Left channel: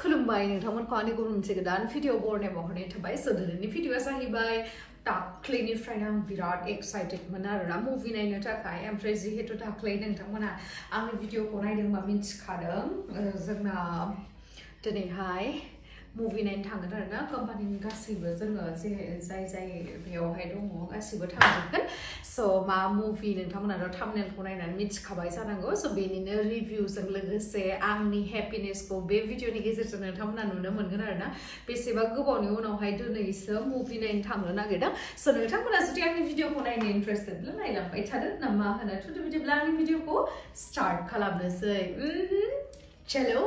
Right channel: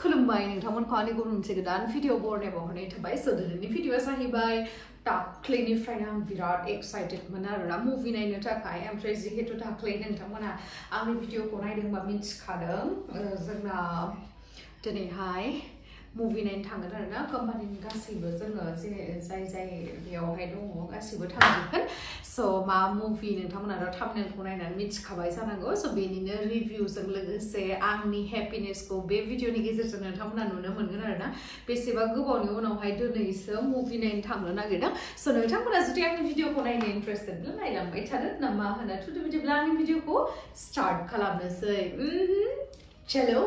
खुलुमबाय नोंथांमोनखौ आंनि गुबुन मोनसे गोदान भिडिअ बरनायाव हरनाय थाबाय सो दिनैनि भिडिअआ जाहैबाय दाख्लैनिफ्रायनो आं बिराद एक्साइटेडमोन आरोना मुभि नायनो थाखाय ओमफ्राय जिहेतु दाख्लै नोंथांमोना आंनि भिडिअखौ नायदोंबा मिन्थिखादों जोंना दिनैहाय मुभि नायनो थांगोन आरोना कम्पानिनि गासैबो जोङो जाय बेयावहाय दङ गासैबो थांजोबगोन सो मा मुभि नोंथांमोनाथ' थाम्बनेलखौ नायनानै मिथिखाबाय जानांगौ सो बेनिनो रिभिउजों लोगोसे आंनि हेपिनेसखौ बे भिडिअनि गेजेरजों नोंथांमोना नुनो मोनगोन आरोना बेसेबा गोबावनि उनावहाय दिनैसो मुभि नायनो थांनो नागिरदों सो नोंथांमोना जुदि आंनि भिडिअखौ नायनो इन्टारेस्टेडब्ला नायलांबाय थादो ना मा होनो थुदो बिदिब्ला आंनि भिडिअखौ स्टार्ट खालामनोसै चलो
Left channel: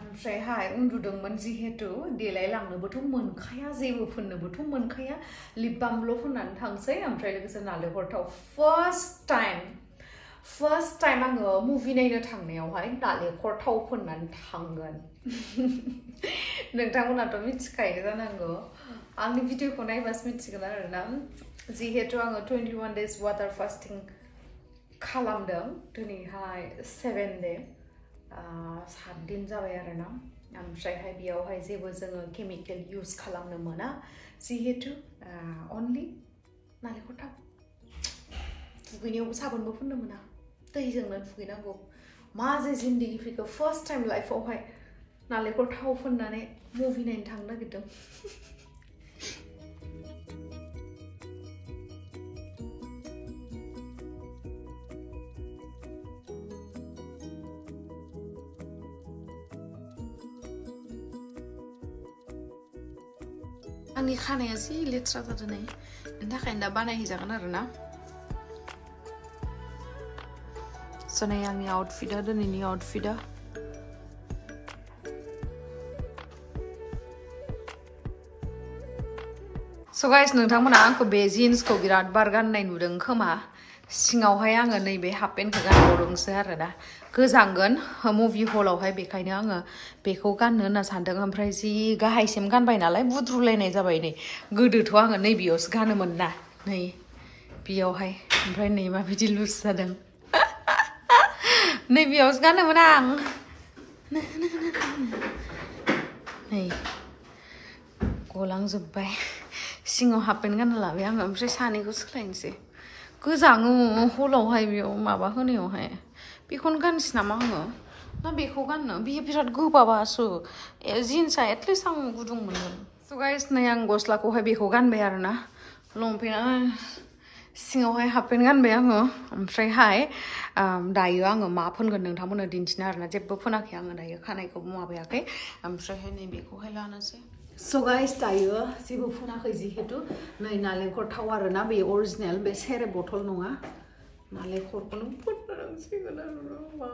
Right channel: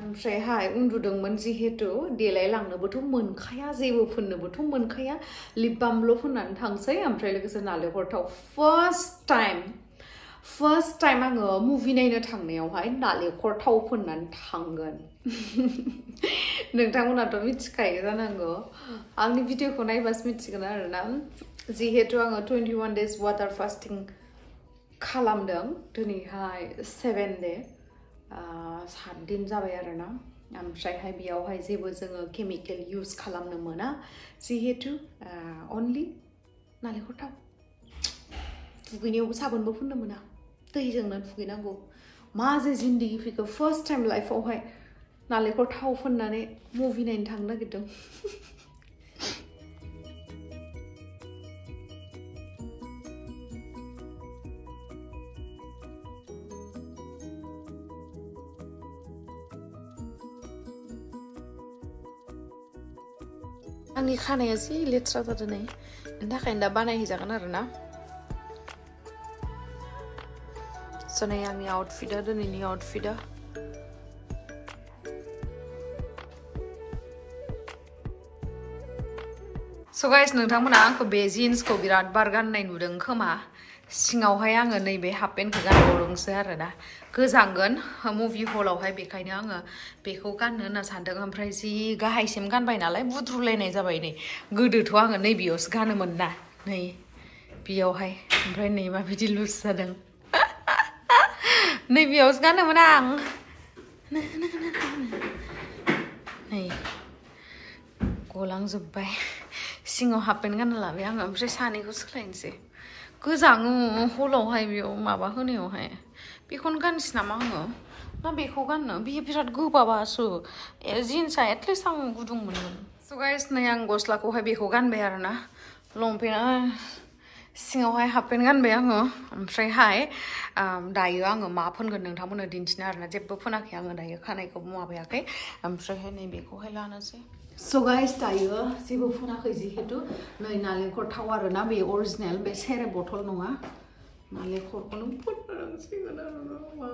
ओमफ्रायहाय उन्दुदोंमोन जिहेतु देलायलांनोबोथ' मोनखाया जेबो फोननोबोथ' मोनखाया लिप बामल' फोननानै थांसै ओमफ्राय लोगोसे नालेंखर थाव फार्स्ट टाइम आङो मुभि नायनो थांनायावहाय नालेंखर थाव फोननानै थांगोन नोंथांमोनाथ' मिथिखायो जानांगौ आंनि भिडिअखौ नायबासो मिथिगोन आरोना जिहेतु आङो 21 days वाटार फास्टिं खालामदों दिनैहाय 7 day 7 दिन जाबाय आरोना ओमफ्रायहाय बेयावहाय जेबो जोङो केमिकेल इउज खालामनो मोना जिहेतु अनलि नालेंखर थाव दुगैनायावबो साबोनबो फुननो मोना दैजोंनो दुगैनांगौ मा जे जिन्दगि फैखो फार्स्ट टाइम लाइफआवहाय नालेंखर थाव फुननानै मुभि नायनो थांनो नागिरदों आंनि खानाया जि लेथ्रा जादों नै बेनि थाखायनो दा बानायहैजागोन आरोना स' नै आंनि आउटफिटआ दिनैनि आउटफिटआ स' गाइस नोंथांमोना आंखौ बे जिन्सखौ बिराद बार गाननाय नुदों खोमा सिङावहाय आङो नैबे हाफ पेन्टखौ गानबावदोंसो आरोना गोजांगोन मुभि हलावहाय बेखायनो आङो बेखौ गाननो होनना सानदों ओमफ्राय जि गाहायसिम गानबाय नालाय बुद्रुलायनाय जाबाय नै गोदोथ' आङो नैबेयावसो गानोमोन ना नै बेयावहाय ओमफ्राय नै माबायदि लुज जादों नैबेयावसो गानोमोन आं नै गलांजोब्बाय सिङाव हाफ पेन्ट गानना लाबाय आङो ओमफ्राय सानैखौ सोलायनोसै गोजाङो हलावहाय बेयाव माबा होनायावहाय बेखौनो गानसै नामा आङो ना बेखौ गाननो बेयो बिराद गोबाबासो जिन्सआ एटलिस्ट आं गुदुं मोनगोन स' गाइस नै आं गस्लाखौहाय बेखौ गानबाय आरोना लंपेन्टआ सिङावहाय हाफ पेन्ट गानबाय आङो ओमफ्रायहाय दायो आङो मा फोनगोन नोंथांमोननो दिन्थिनो आरोना जेबो फोनाखै आङो दायो खानायखौबो माबायाखै ओमफ्रायहाय नै बेखौहाय लानोसै स' गाइस दायो जेबो फोनाखै जिहेतु नै नालेंखर थाव आरोना बे अरिजिनेल बे सेरे बथल नङा नालेंखरखौनो फोनांसिगोन आरोना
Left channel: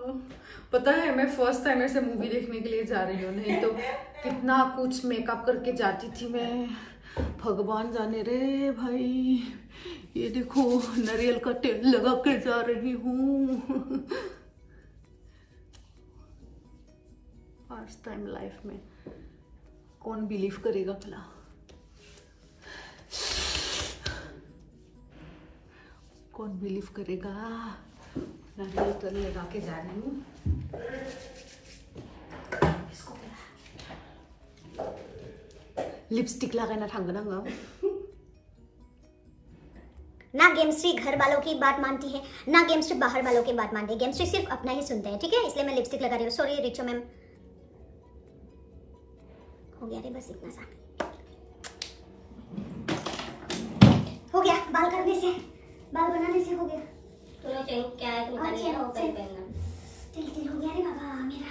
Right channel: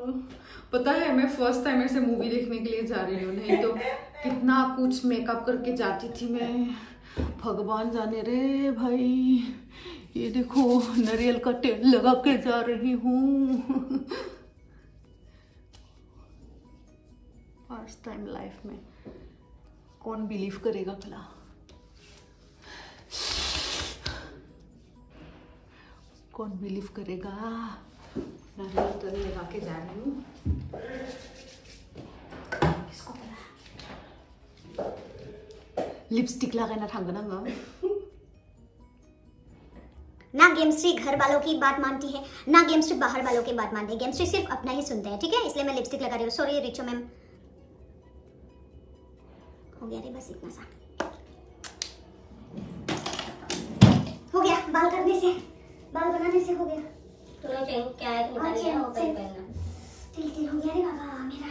पता है मैं फर्स्ट टाइम ऐसे मूवी देखने के लिए जा रही हूँ नहीं तो कितना कुछ मेकअप करके जाती थी मैं भगवान जाने रे भाई ये देखो नारियल का तेल लगा के जा रही हूँ फर्स्ट टाइम लाइफ में कौन बिलीव करेगा भला कौन बिलीव करेगा नारियल तेल लगा के जा रही हूँ इसको लिपस्टिक लगाना थांगोन आङो ना गेमश्री घर वालों की बात मानती है ना गेमश्री बाहर वालों की बात मानती है गेमश्री सिर्फ अपना ही सुनते हैं ठीक है इसलिए मैं लिपस्टिक लगा रही हूँ सॉरी रिचो मैम हो गया रे बस इतना सा हो गया बाल करने से बाल बनाने से हो गया तो क्या है तिल हो गया रे बाबा मेरा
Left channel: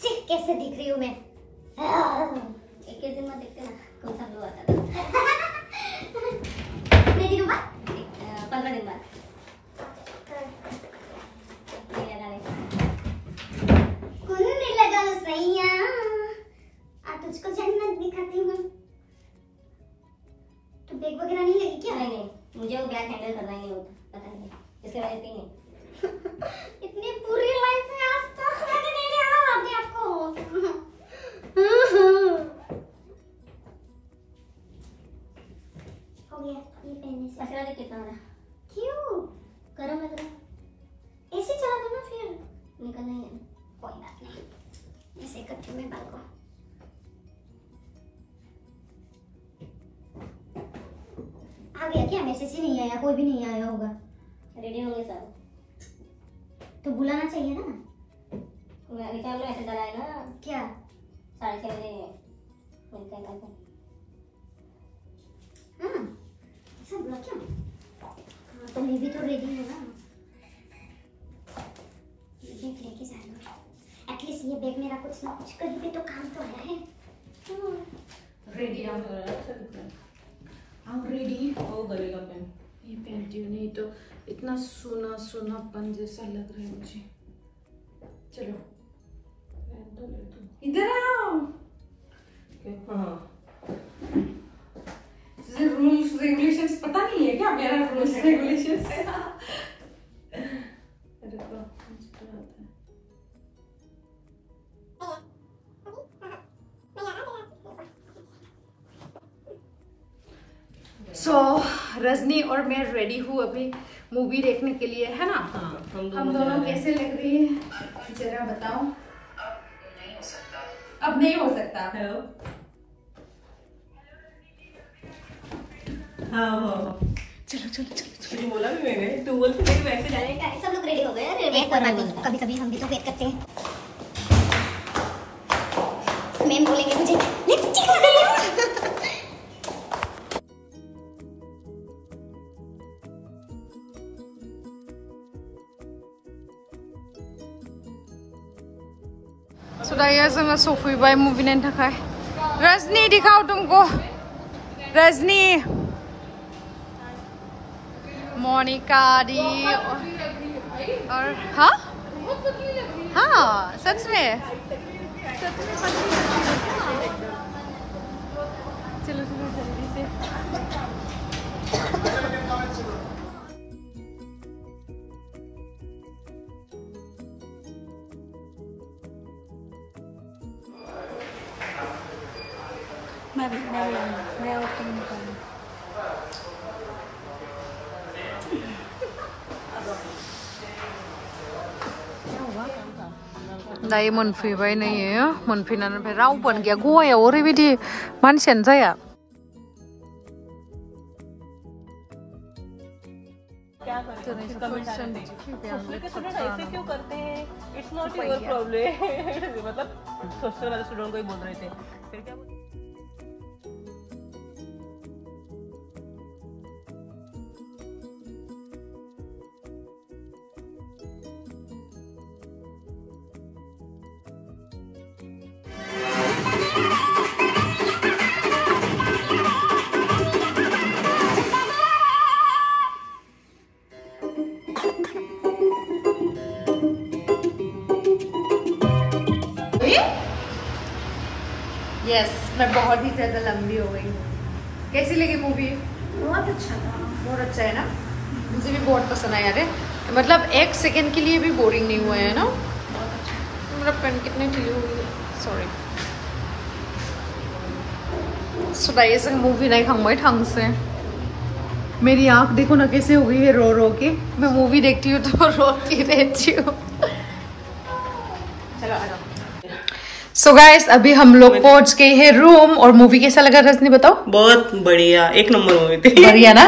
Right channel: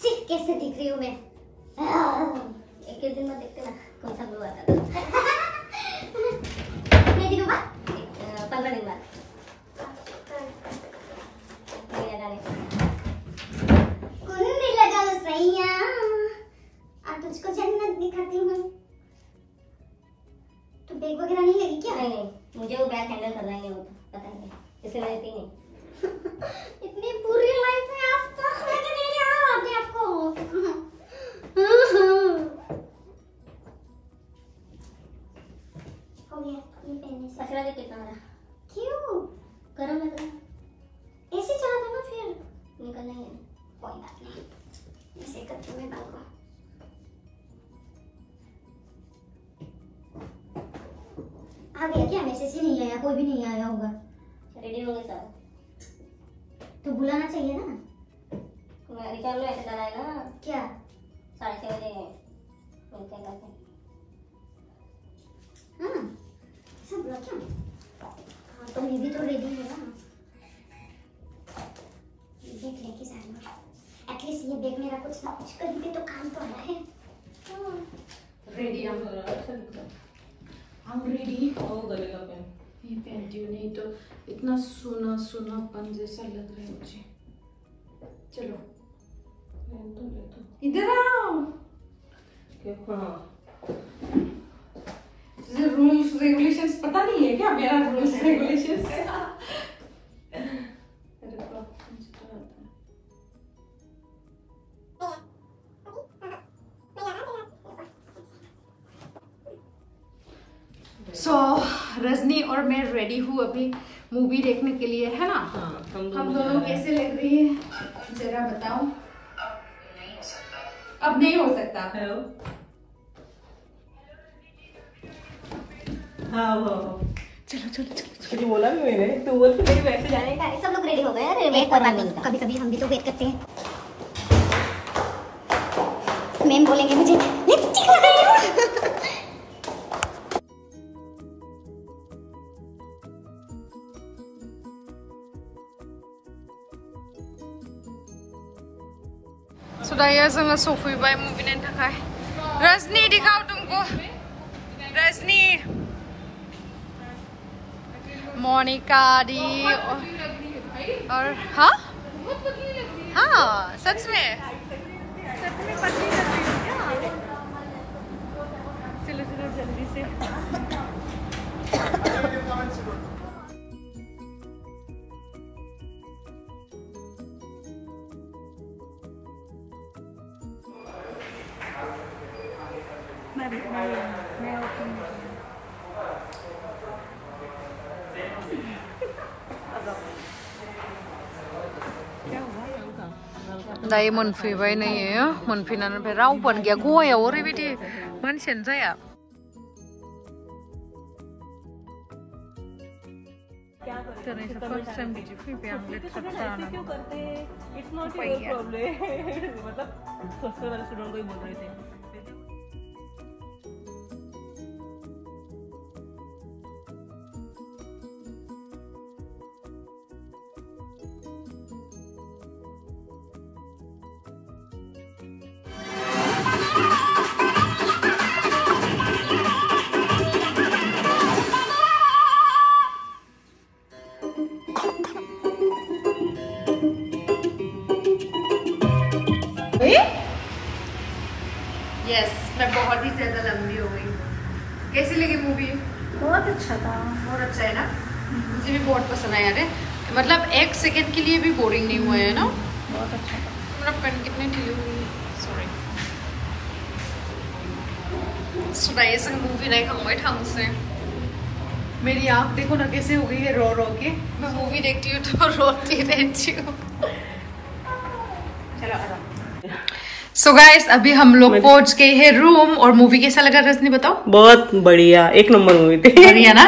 सिर्फ कैसे दिख रही हूँ मैं 21 दिन में देखते ना कौन सा ग्लो आता है कितने दिनों बाद 15 दिन बाद कुंडी लगा लो सैया अब तुझको जन्नत दिखाती हूँ तो बैग वगैरह नहीं लगी क्या नहीं मुझे वो बैग हैंडल करना ही होता पता नहीं इसके वजह से नहीं इतनी बुरी लाइफ है आज तक मैंने नहीं लिया आपने आपको बात नहीं, ऐसे करती हूँ मैं बाल को। आ गया क्या? मैसेज ही नहीं आया, कोई भी नहीं आया होगा। रेडी होंगे सब तो बुलाना चाहिए ना। तुम आगे चलो, ऐसे डरा है ना क्या? 6:30 बजे मिलते हैं कल। हाँ सब बुला क्या? हाँ तो मैं भी तो रेडी हूँ ना। बैग लेके जाऊंगा, एटलीस्ट ये बैग मेरा कुछ ना कुछ कहीं भी तो काम तो आया है। Ready I'm ready। ये पहनती हूँ, नहीं तो इतना सोना सोनापन जैसा लग रहा है मुझे। चलो इधर आओ। रूल्स रेगुलेशंस पता नहीं है क्या मेरा? रूल्स रेगुलेशंस सो रजनी और मैं रेडी हूँ अभी मूवी देखने के लिए, है ना? हाँ, हम दोनों कैसे लग रही है जरा बताओ। अब नहीं हो सकता। हेलो। हाँ चलो चलो चलो चलो। बोला भी मैंने, तू बोलती मेरी वैसे जाने। सब लोग रेडी हो गए हैं। वेट कोई बात नहीं, कभी कभी हम भी तो वेट करते हैं। मैम बोलेंगे मुझे लिपस्टिक लगाई हो। सुदाया जोङो सफैबाय मुभि नायनो थाखाय। रजनी दिखाओ तुमको। रजनी, मोनिका दी और हाँ हाँ सच में पतली लगती हो क्या? चलो चलो जल्दी से। दायो मोनफैबाय नै मोनफैनानै ओमफ्राय रावबोआनो गैया गवायाव ओरैबायदि मानसियानो जाया। दिनैसो फार्स्ट टाइम बिदि फैबाय आं लेक्सार खालामनानै। उपाय गैया। यस, मैं बहुत ही ज्यादा लंबी हो गई। कैसी लगी मूवी? बहुत अच्छा था। बहुत अच्छा है ना? मुझे भी बहुत पसंद आया है। मतलब एक सेकंड के लिए भी बोरिंग नहीं हुआ है ना? बहुत अच्छा। मेरा पेन कितने ढीले हो गए, सॉरी। सुदाये जों मूवी नायखांबाय थांसै। मेरी आँख देखो ना कैसे हो गई है रो रो के। मैं मूवी देखती हूँ तो रोती रहती हूँ। चलो आ जाओ। सो गाइस अभी हम लोग पहुंच गए हैं रूम। और मूवी कैसा लगा रजनी बताओ? बहुत बढ़िया, एक नंबर मूवी थी। बढ़िया ना?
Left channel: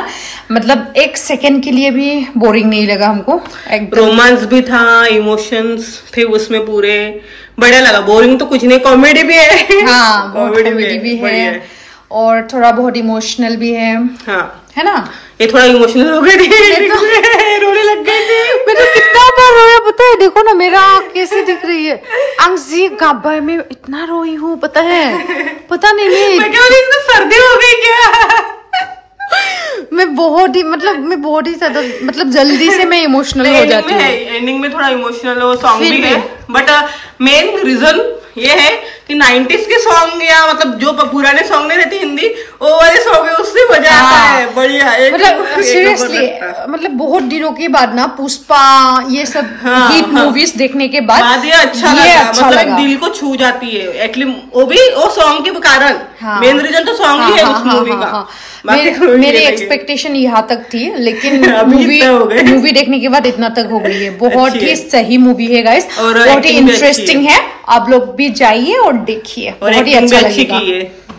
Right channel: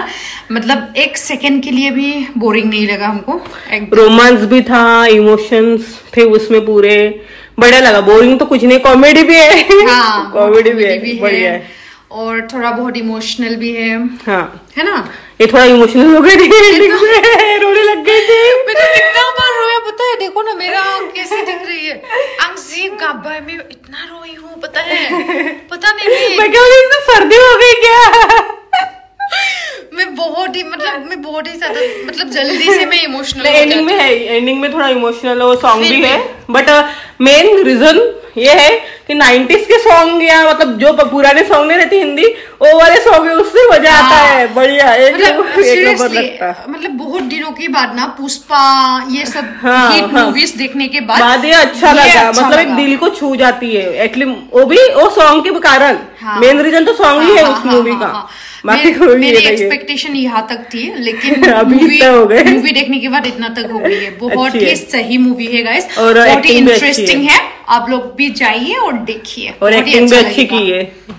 मतलब एक सेकंड के लिए भी बोरिंग नहीं लगा हमको। रोमांस भी था, इमोशंस थे उसमें पूरे, बढ़िया लगा। बोरिंग तो कुछ नहीं, कॉमेडी भी है। हाँ कॉमेडी भी है और थोड़ा बहुत इमोशनल भी है। हाँ है ना? ये थोड़ा इमोशनल हो गई थी, रोने लग गई थी। मैं तो कितना डर रहा है पता है? देखो ना मेरा आँख कैसे दिख रही है। अंशी गाबा में इतना रोई हूँ पता है? पता नहीं मैं सर्दी हो गई क्या? मैं बहुत ही ज्यादा मतलब जल्दी से मैं इमोशनल हो जाती हूँ। एंडिंग में थोड़ा इमोशनल वो सॉन्ग भी है, बट मेन रीजन ये है कि 90s के सॉन्ग या मतलब जो पुराने सॉन्ग नहीं रहते हिंदी, वो वाले सॉन्ग है, उससे मजा आता है। बढ़िया, मतलब सीरियसली, मतलब बहुत दिनों के बाद ना पुष्पा ये सब हिट मूवीज देखने के बाद ये अच्छा लगा, मतलब एक दिल को छू जाती है एक्चुअली, वो भी वो सॉन्ग के कारण। मेन रीजन तो सॉन्ग ही है उस मूवी का। मेरी एक्सपेक्टेशन यहाँ तक थी, लेकिन मूवी देखने के बाद इतना तक हो गई है। बहुत ही सही मूवी है गाइस, बहुत ही इंटरेस्टिंग है। आप लोग भी जाइए और देखिए, बहुत ही अच्छा लगेगा।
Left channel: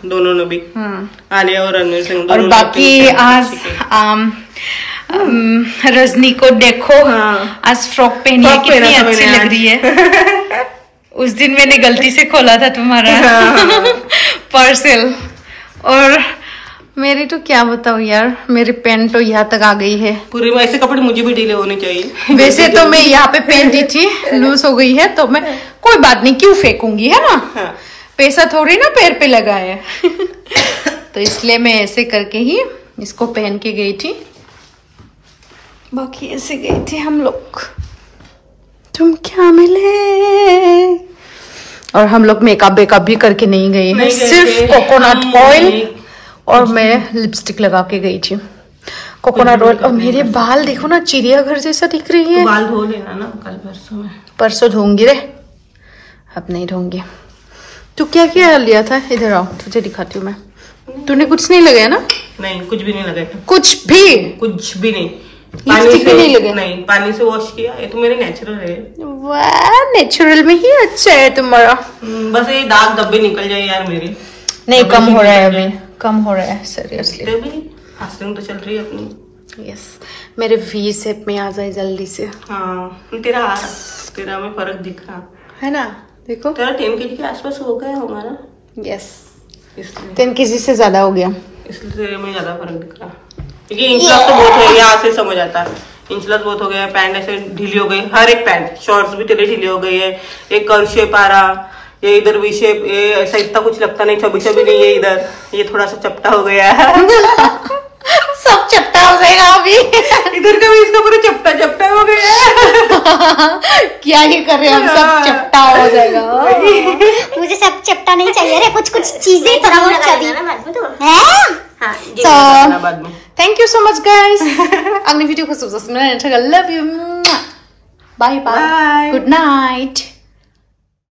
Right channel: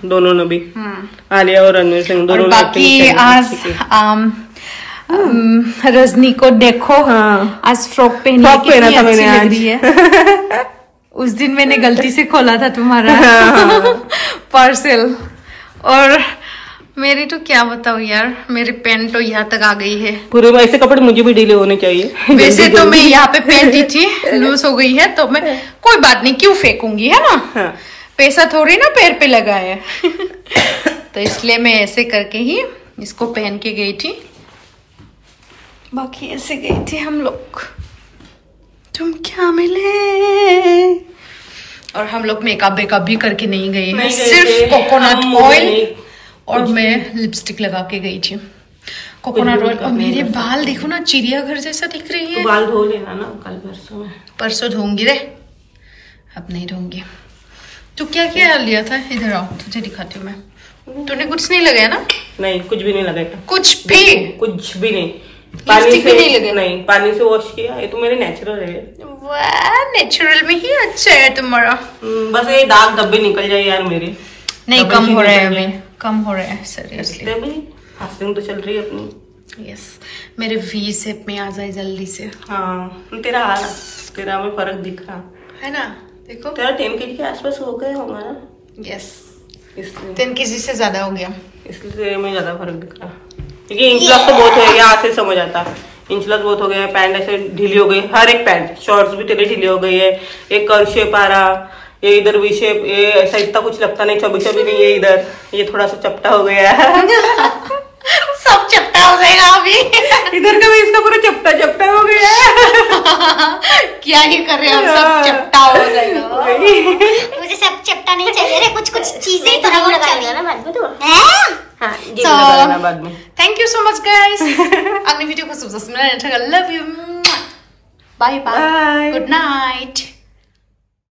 दोनों ने भी, आलिया और रणवीर सिंह। और बाकी आज रजनी को देखो, आज फ्रॉक पहनी है, कितनी अच्छी लग रही है। उस दिन मैंने गलती से खोला था तुम्हारा पार्सल, और मेरी तो क्या बताऊं यार, मेरी पैंट तो यहाँ तक आ गई है। पूरे ऐसे कपड़े मुझे भी ढीले होने चाहिए। वैसे तो मैं यहाँ पे पहनती थी, लूज हो गई है तो मैं कोई बात नहीं, क्यों फेंकूंगी, है ना। पैसा थोड़ी ना पैर पे लगा है तो इसलिए मैं ऐसे करके ही इसको पहन के गई थी। बाकी ऐसे गई थी हम लोग। तुम क्या मिले, और हम लोग मेकअप भी करके नहीं गए हैं, सिर्फ कोकोनट ऑयल और मैं लिपस्टिक लगा के गई थी। Coconut oil. और मेरे बाल देखो ना, चिड़ियाघर जैसा दिख रही है। बाल धो लेना ना कल परसों में। परसों धोंगी रे, अब नहीं धोंगी। तू क्या क्या लिया था, इधर आओ तुझे दिखाती हूँ मैं। तूने कुछ नहीं लगाया ना? नहीं, कुछ भी नहीं लगाया। कुछ भी नहीं। लिपस्टिक भी नहीं लगा? नहीं, पानी से वॉश किया। ये तो मेरे नेचुरल है। वाह, नेचुरल में ही अच्छा है तुम्हारा। बस ये दाग धब्बे निकल जाए यार मेरे। नहीं, कम हो रहा है अभी, कम हो रहा है सीरियसली। फास्टिंग तो चल रही है अपनी। यस, मेरे वी शेप में आ जाए जल्दी से। हाँ, तेरा में फर्क दिख रहा है ना। देखो, तेरा 10 kg के आसपास हो गया होगा ना। यस, इसलिए 10 kg से ज्यादा हो गया, इसलिए तेरे में ज्यादा फर्क दिख रहा। क्योंकि इंच लॉस तो बहुत है, यहाँ से समझ आता है। इंच लॉस बहुत हो गया, पैंट ऐसे ढीली हो गई, हर एक पैंट, शॉर्ट्स भी तेरे ढीली हो गई है। एक कर्व शेप आ रहा, ये इधर वी शेप, ये ऐसा इतना कुछ लगता नहीं, चबी नहीं है इधर, ये थोड़ा सा चपटा हो गया है। सब चपटा हो जाएगा अभी। इधर का भी इसका पूरा चपटा हो गया है। क्या ही कर रहे हैं हम, सब चपटा हो जाएगा। मुझे सब चपटा नहीं चाहिए रे, कुछ चीजें तो हम लगा लेना ना बाद में। तो बाद में। Thank you so much guys. अगली वीडियो को सबसे love you, bye bye, good night.